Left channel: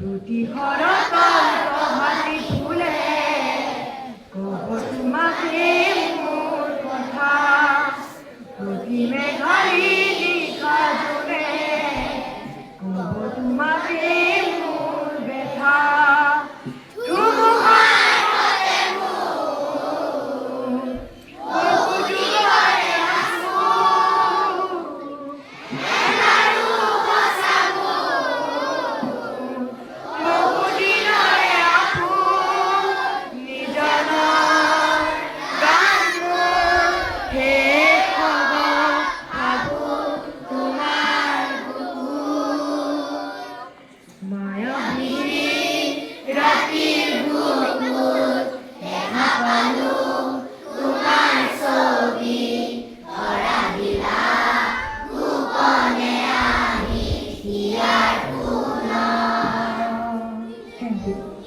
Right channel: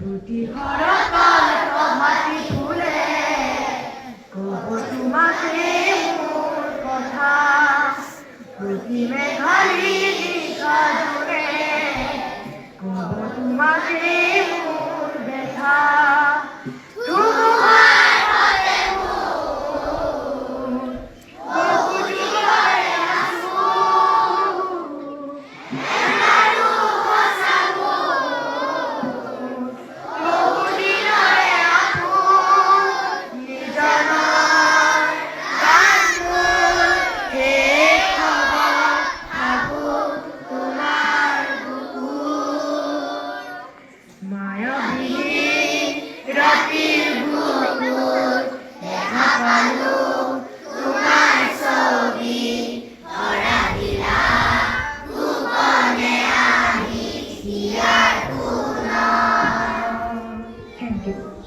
দুটি হরকাল প্রভাতী ফুলে কব তোমাকে মোর কথা প্রতি মেঘালি দিশা জোরে কব তোমাকে মোর ব্যথা রাতের বুকুর দেখা পালো তোমার ছবি ধরা দিলা গোপনে আমি হিয়ার পুনঃ। Thank you.